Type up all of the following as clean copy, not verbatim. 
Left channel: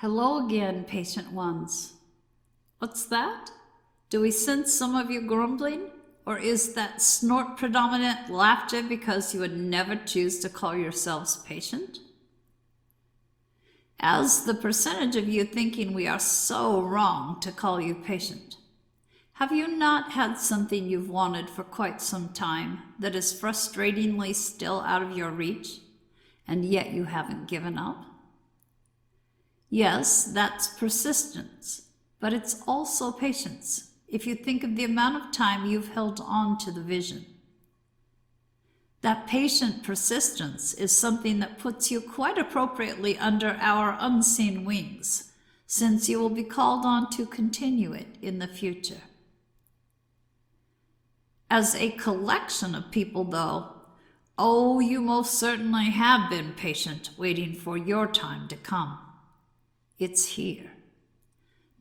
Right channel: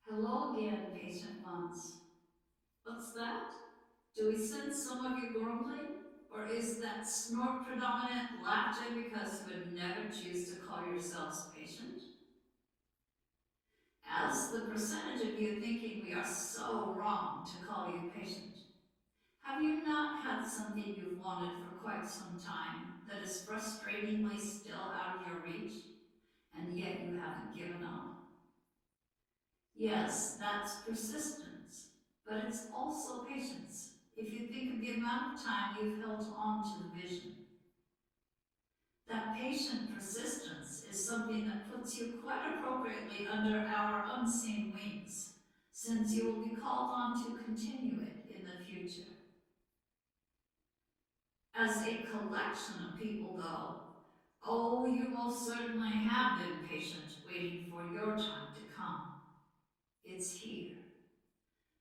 Hello again, patient ones. What's that? Do we sense some of you grumbling? Or is that snort predominant laughter because you would never choose to call yourselves patient? As the percentage of you thinking we are so wrong to call you patient, have you not had something you've wanted for quite some time that is frustratingly still out of your reach, and yet you haven't given up? Yes, that's persistence, but it's also patience if you think of the amount of time you've held on to the vision. That patient persistence is something that puts you quite appropriately under our unseen wings, since you will be called on to continue it in the future. As a collection of people, though, oh, you most certainly have been patient, waiting for your time to come. It's here.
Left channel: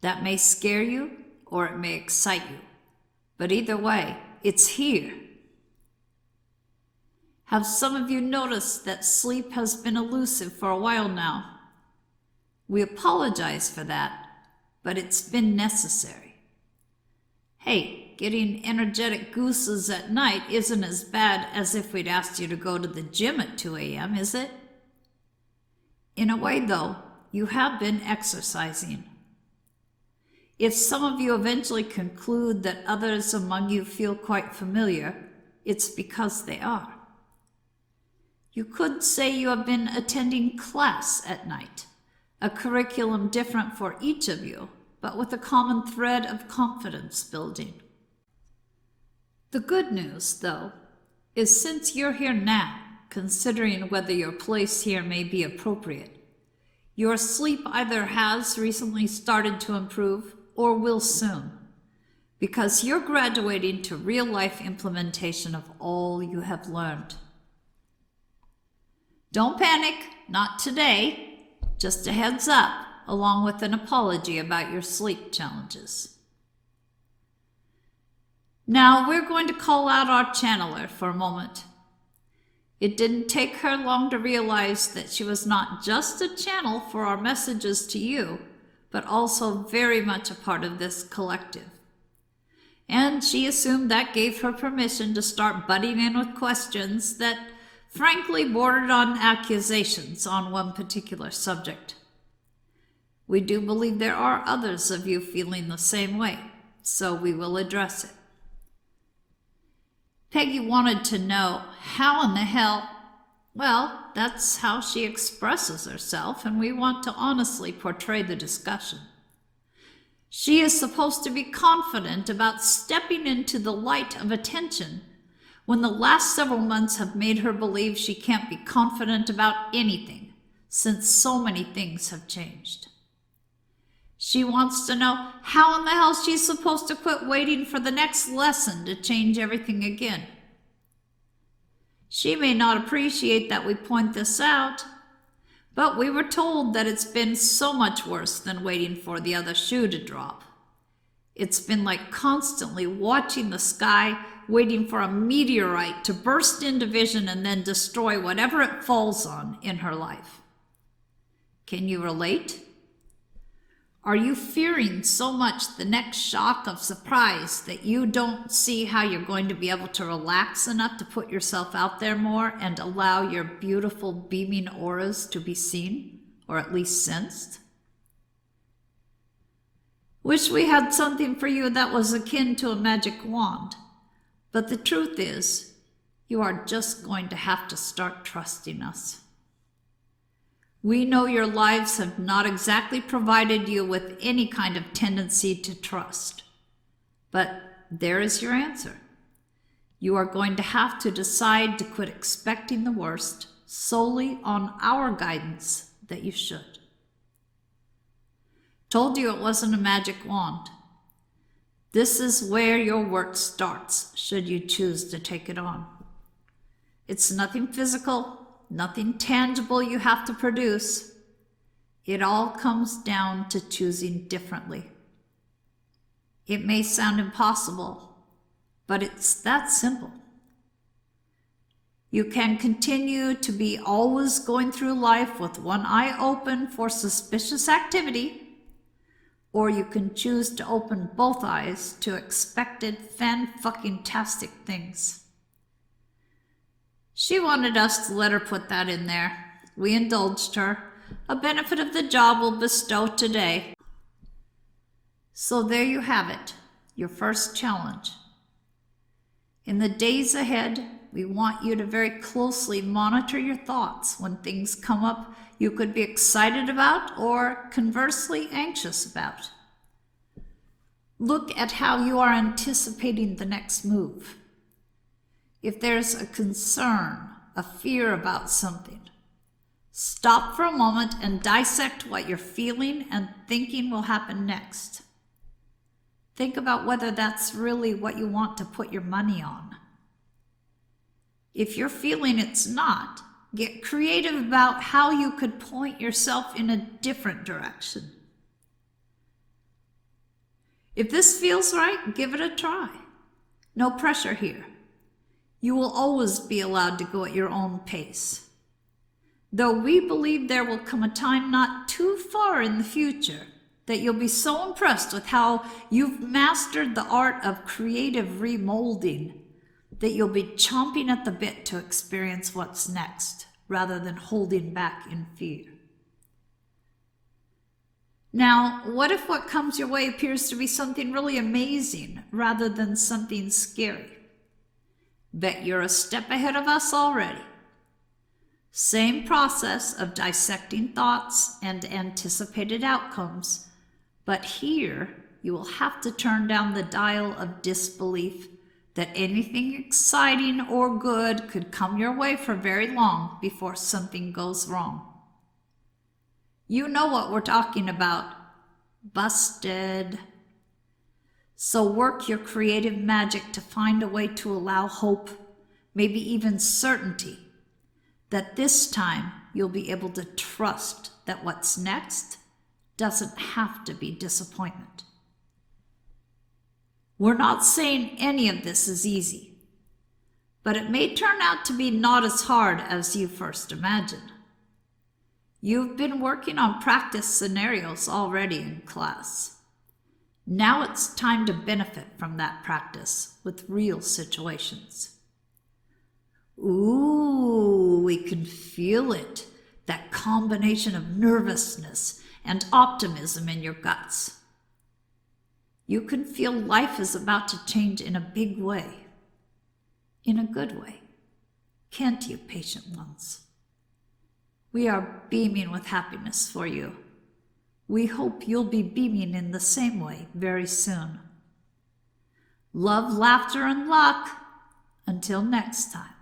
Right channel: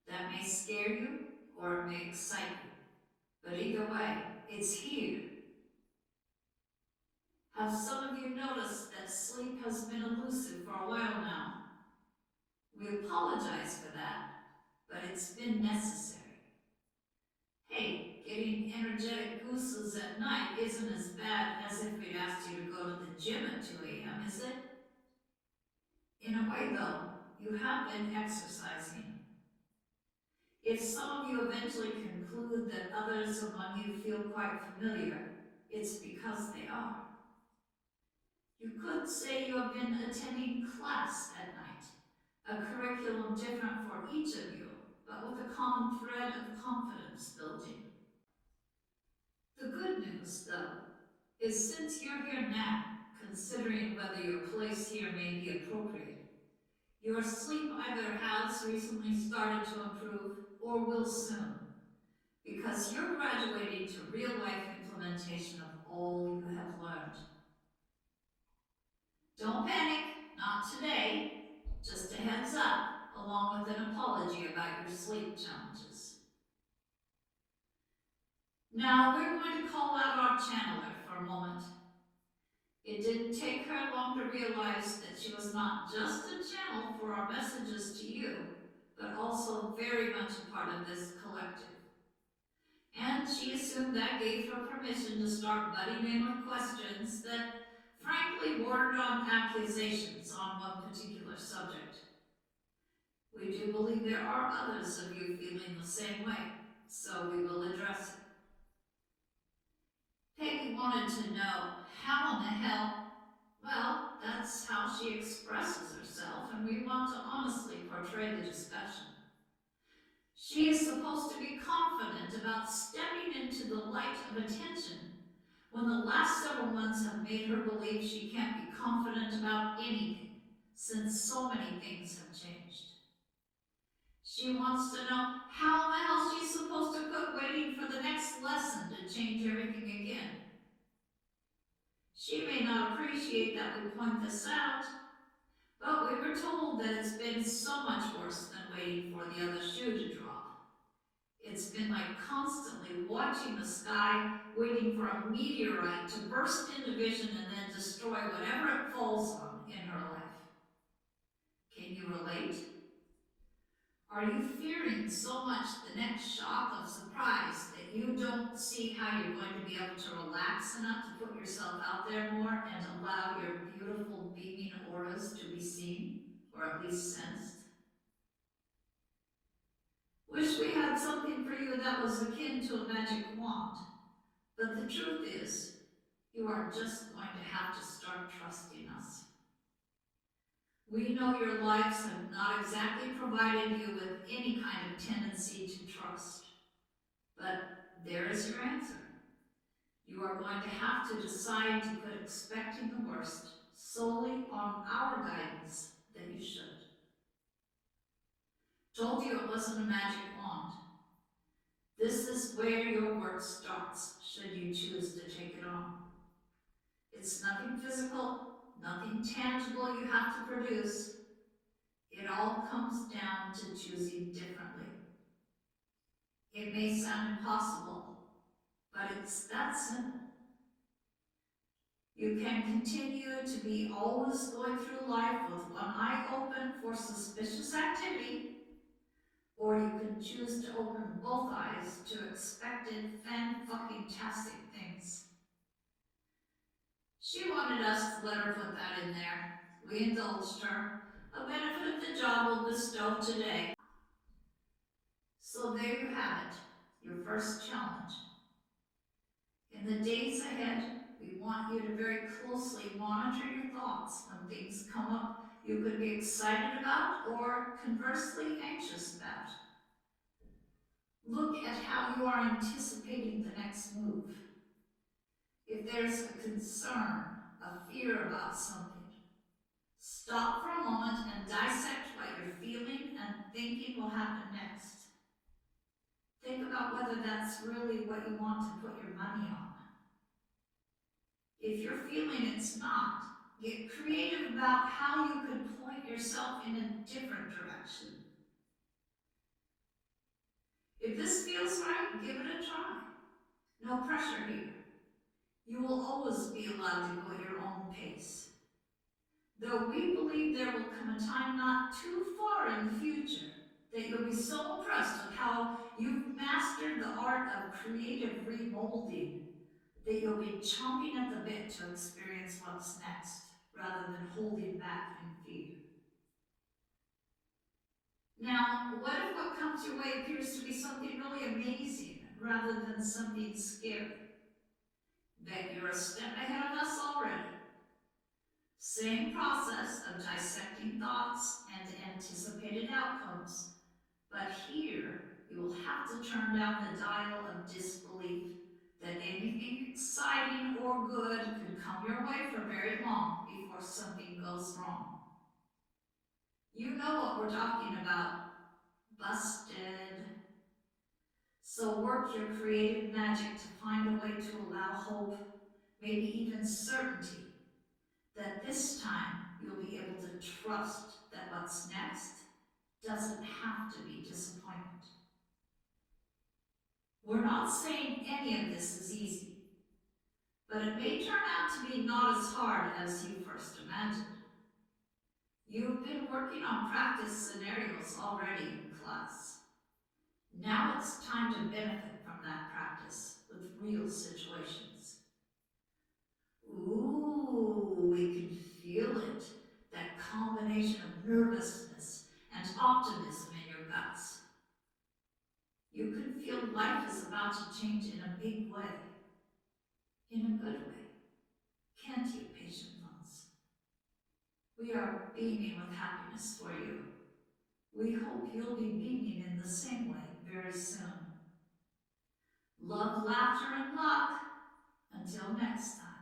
That may scare you or it may excite you, but either way, it's here. Have some of you noticed that sleep has been elusive for a while now? We apologize for that, but it's been necessary. Hey, getting energetic gooses at night isn't as bad as if we'd asked you to go to the gym at 2 a.m., is it? In a way, though, you have been exercising. If some of you eventually conclude that others among you feel quite familiar, it's because they are. You could say you have been attending class at night, a curriculum different for each of you, but with a common thread of confidence building. The good news, though, is since you're here now, considering whether your place here may be appropriate, your sleep either has recently started to improve or will soon, because you're graduating to real-life implementation of all you have learned. Don't panic, not today, just a heads up, along with an apology about your sleep challenges. Now we're going to call out our channeler for a moment. It didn't take her long to realize that she was not just a channel for our messages to you, but also very much a part of this collective. And she assumed that gave her permission to start butting in with questions that frankly bordered on accusations on one particular subject. We do believe there are others of you feeling the same way, so we will address it. Peggy wanted to know how in the hell. Well, that's how she expresses herself, and we want to honestly portray the discussion. She is supposed to be confident about stepping into the light of attention when the last several months have made her believe she can't be confident about anything, since so many things have changed. She wants to know how in the hell she's supposed to quit waiting for the next lesson to change everything again. She may not appreciate that we point this out, but we were told that it's been so much worse than waiting for the other shoe to drop. It's been like constantly watching the sky, waiting for a meteorite to burst into vision and then destroy whatever it falls on in her life. Can you relate? Are you fearing so much the next shock of surprise that you don't see how you're going to be able to relax enough to put yourself out there more and allow your beautiful beaming auras to be seen, or at least sensed? Wish we had something for you that was akin to a magic wand, but the truth is, you are just going to have to start trusting us. We know your lives have not exactly provided you with any kind of tendency to trust. But there is your answer. You are going to have to decide to quit expecting the worst solely on our guidance that you should. Told you it wasn't a magic wand. This is where your work starts, should you choose to take it on. It's nothing physical, nothing tangible you have to produce. It all comes down to choosing differently. It may sound impossible, but it's that simple. You can continue to be always going through life with one eye open for suspicious activity, or you can choose to open both eyes to expected fan-fucking-tastic things. She wanted us to let her put that in there. We indulged her. A benefit of the job we'll bestow today. So there you have it, your first challenge. In the days ahead, we want you to very closely monitor your thoughts when things come up you could be excited about or conversely anxious about. Look at how you are anticipating the next move. If there's a concern, a fear about something, stop for a moment and dissect what you're feeling and thinking will happen next. Think about whether that's really what you want to put your money on. If you're feeling it's not, get creative about how you could point yourself in a different direction. If this feels right, give it a try. No pressure here. You will always be allowed to go at your own pace. Though we believe there will come a time not too far in the future that you'll be so impressed with how you've mastered the art of creative remolding that you'll be chomping at the bit to experience what's next, rather than holding back in fear. Now, what if what comes your way appears to be something really amazing, rather than something scary? Bet you're a step ahead of us already. Same process of dissecting thoughts and anticipated outcomes, but here you will have to turn down the dial of disbelief that anything exciting or good could come your way for very long before something goes wrong. You know what we're talking about. Busted. So work your creative magic to find a way to allow hope, maybe even certainty, that this time you'll be able to trust that what's next doesn't have to be disappointment. We're not saying any of this is easy, but it may turn out to be not as hard as you first imagined. You've been working on practice scenarios already in class. Now it's time to benefit from that practice with real situations. Ooh, we can feel it, that combination of nervousness and optimism in your guts. You can feel life is about to change in a big way, in a good way. Can't you, patient ones? We are beaming with happiness for you. We hope you'll be beaming in the same way very soon. Love, laughter, and luck. Until next time.